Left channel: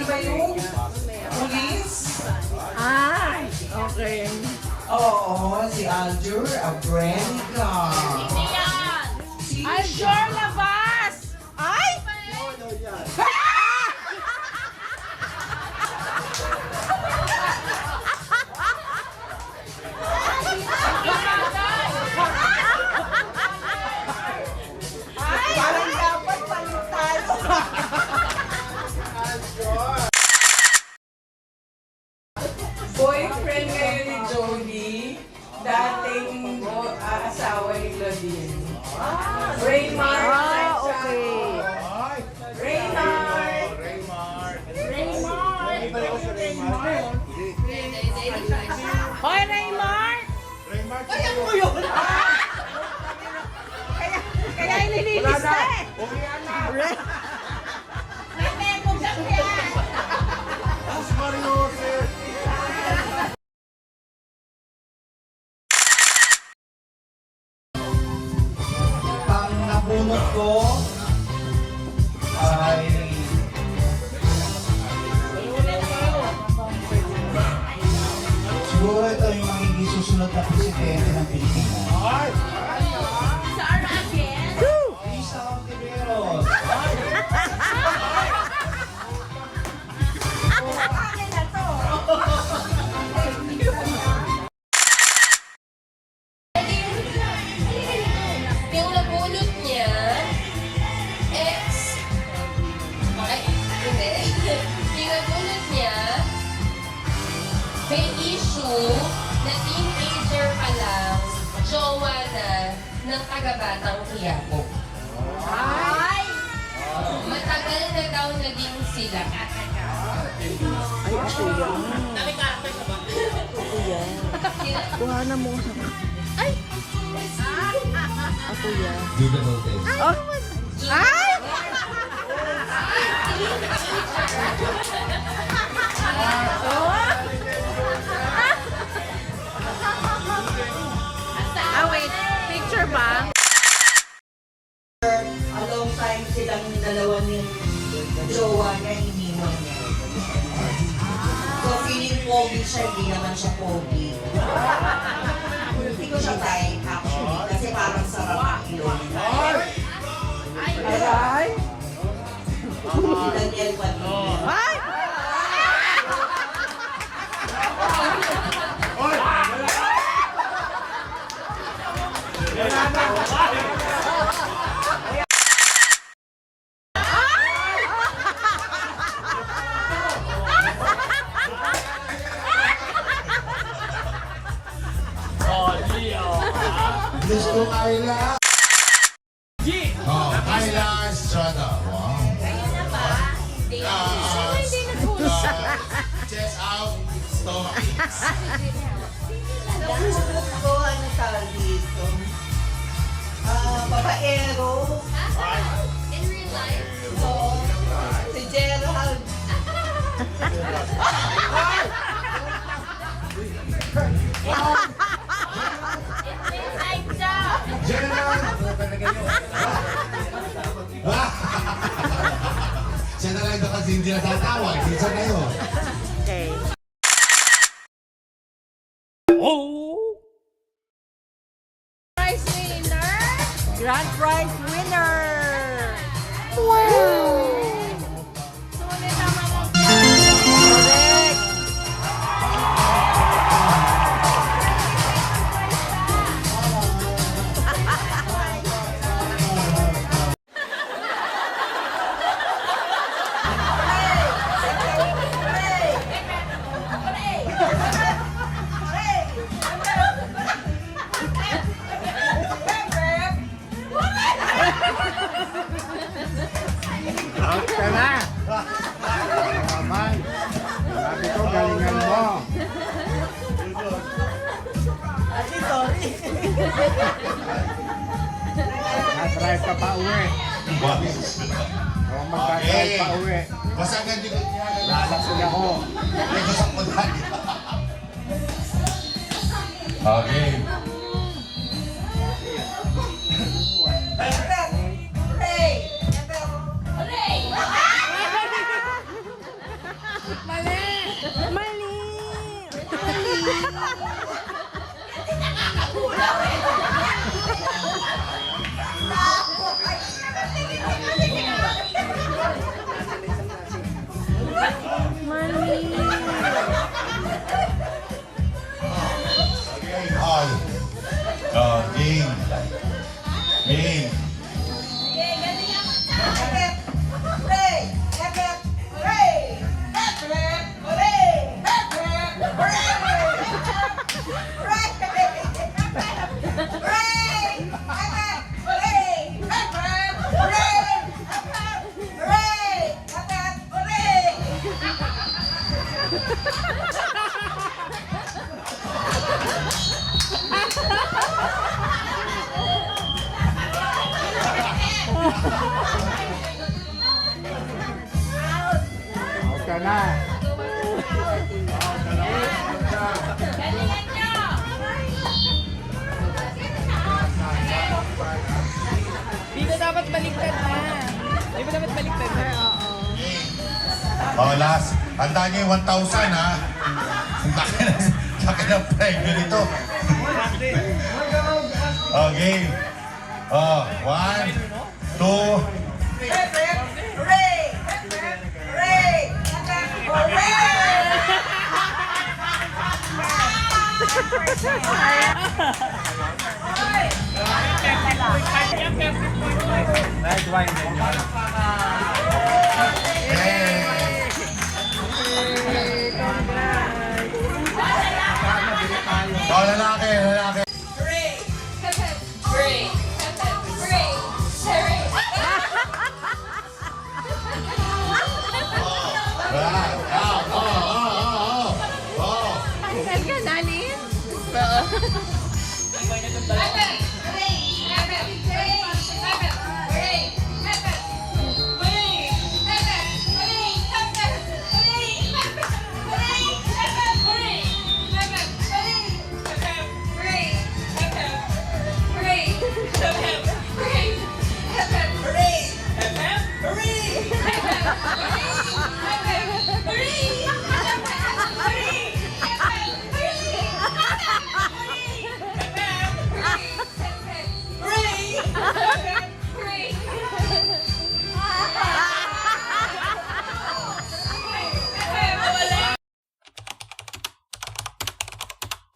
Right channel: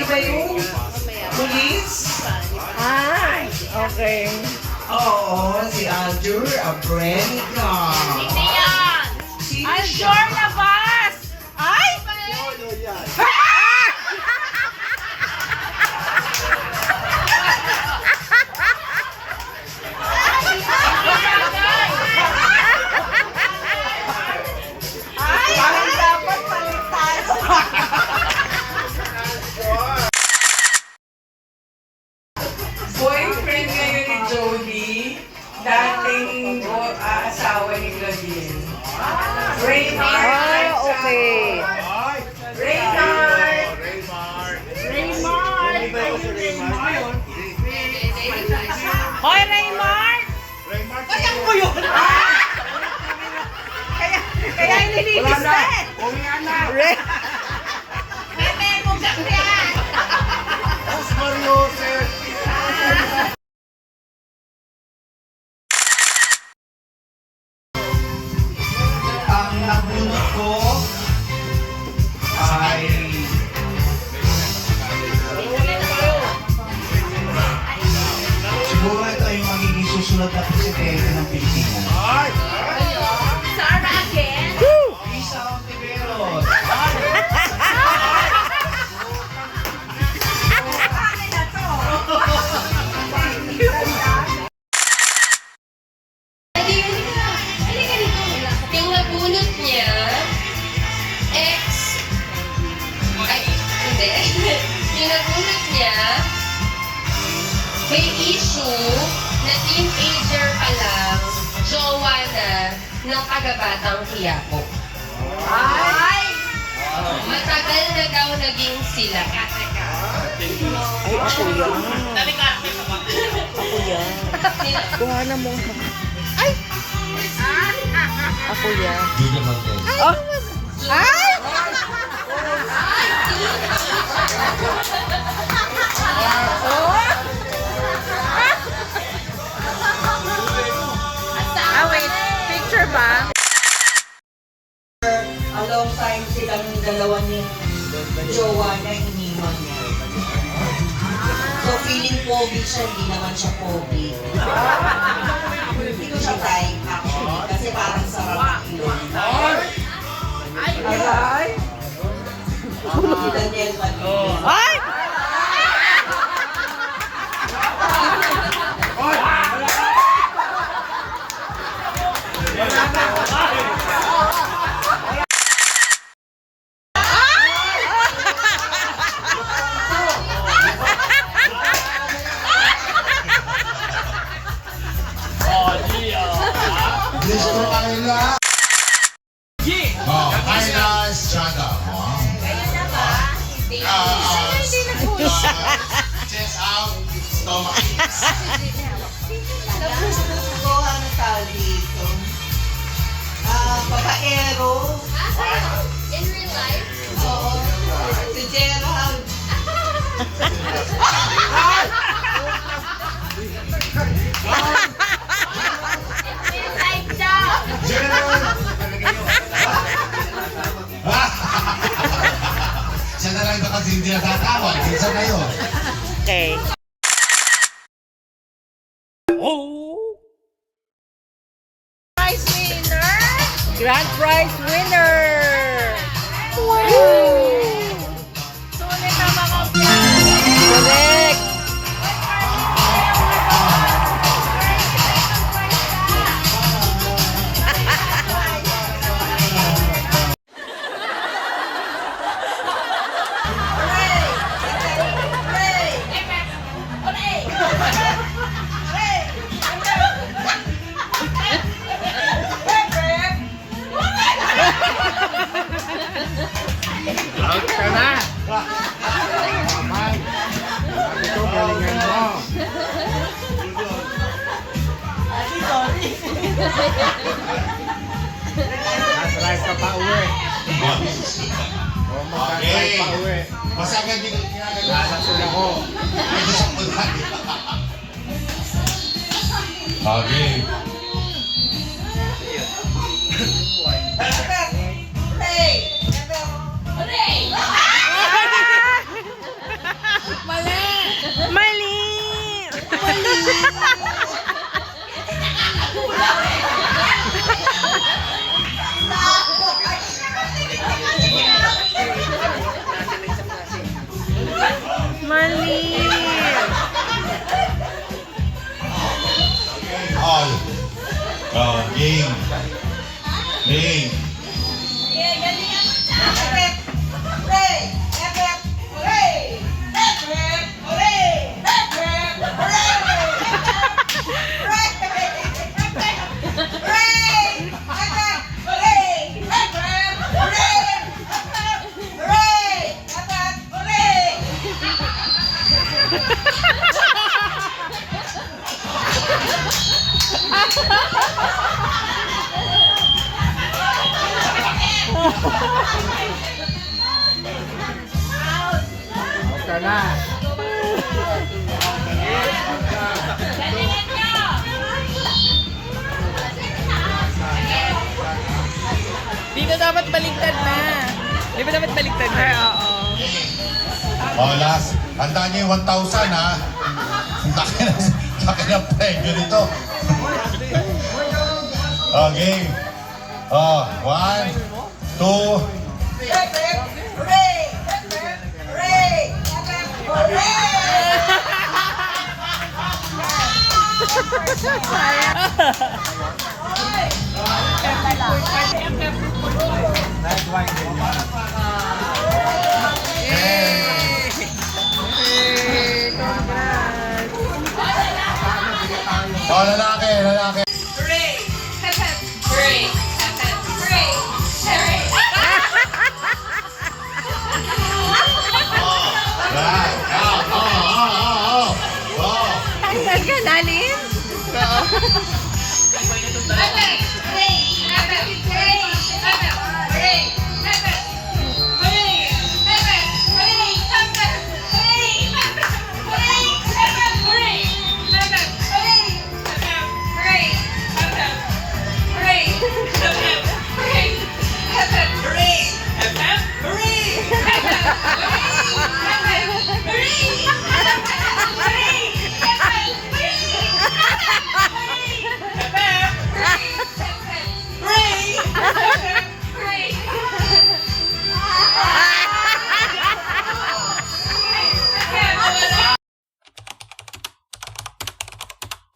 Sino ba yun? Police? Ah, okay. Oo, si Andrew Abrenica. Hindi yan! Aljor Navas! Ay! Parang dapat palit tayo. Boyfriend ngayon ni Jody, dating asawa ni Gladys. Raymar. Ah, okay. Raymar. Hoy, Raymar! Kaya mo yun! Kaya inilinis na eh. Ray- Bebe, bugak mo yan! Ang nabunot ko ay siguro ito yung magiging susunod na presidente ng Pilipinas. Sarah again? Isa Ontiveros. Yung nabunot niya, ex... Ay, hindi. Yung nabunot niya, may issue na teenager pa lang, jowa na ng kagabatang Quiapo. Ay! Matagal na daw naging sila. Ay, ako yan. Ako yan. Kuha na mo. Ay! Ako yan. Oh. Ay! Ah, wait. Picture ba? Alongside silang dalawa ni jowa na iniwan niya. So feeling pogi siya, hindi naman siya pogi. Hindi ko siya type actually, kasi parang sarap ang ilong. Ay! Si Daniel Padilla. Ay! Gusto Ayla. Oh, Ayla Estrada. Wow. Chest out, stomach. Ko ano tawag dito? Pagka-ero. In real life? Oo. Si Gerald. In real life daw! Siya na lang ito kasi hindi natatawag. Isa na yun. Okay. Oh! Prize winner! Grand prize winner! Wow! Sulit na mga correct! Drive ka pa uwi. Okay. Pa uwi. Basta ganyan yung ginagawa. Lasol ako. May gusto ko lagi. Okay. Hooray! Mali. All. Oh, game. Game. Dito dapat baliktad na. Di ba dapat baliktad na? Oo. Oh, last. Tandaan niyo yung 1,000 ha. Laki na premyo nito. Oh, game. Oh, 1, 2. Sayang. Yay! Congrats! Oh, lalaki. Hooray! Hep hep! Hooray! Hep hep! Hooray! Hooray! Right. Oh. Saan ka, Nani? Oo.